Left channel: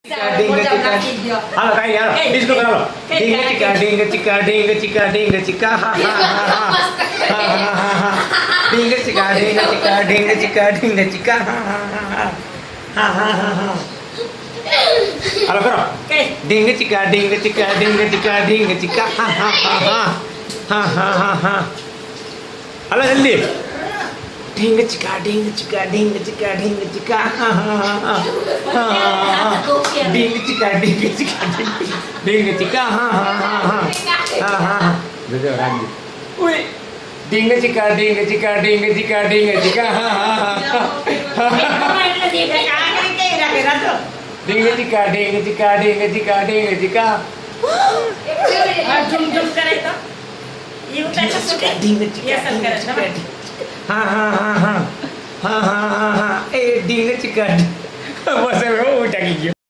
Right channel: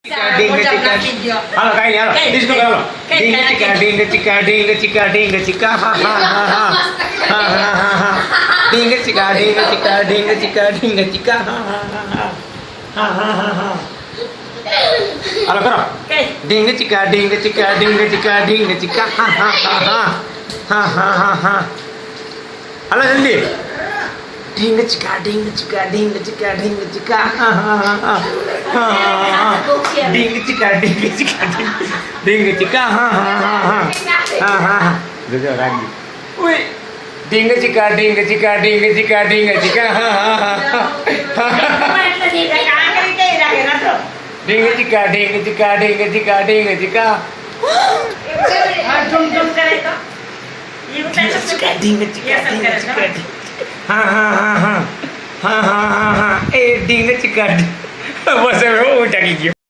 Ding halo kayak halo disco halo ding cika ha ha ha ding cika ha ha halo karo ding cika ha ha halo जल्दी ding cika ding cika ding cika ha ha ding cika ha juga lagi wih ding cika ha ding cika झुम करे तो ये पैसा सुके ये सब करे हा ए ding cika बस वो उठा की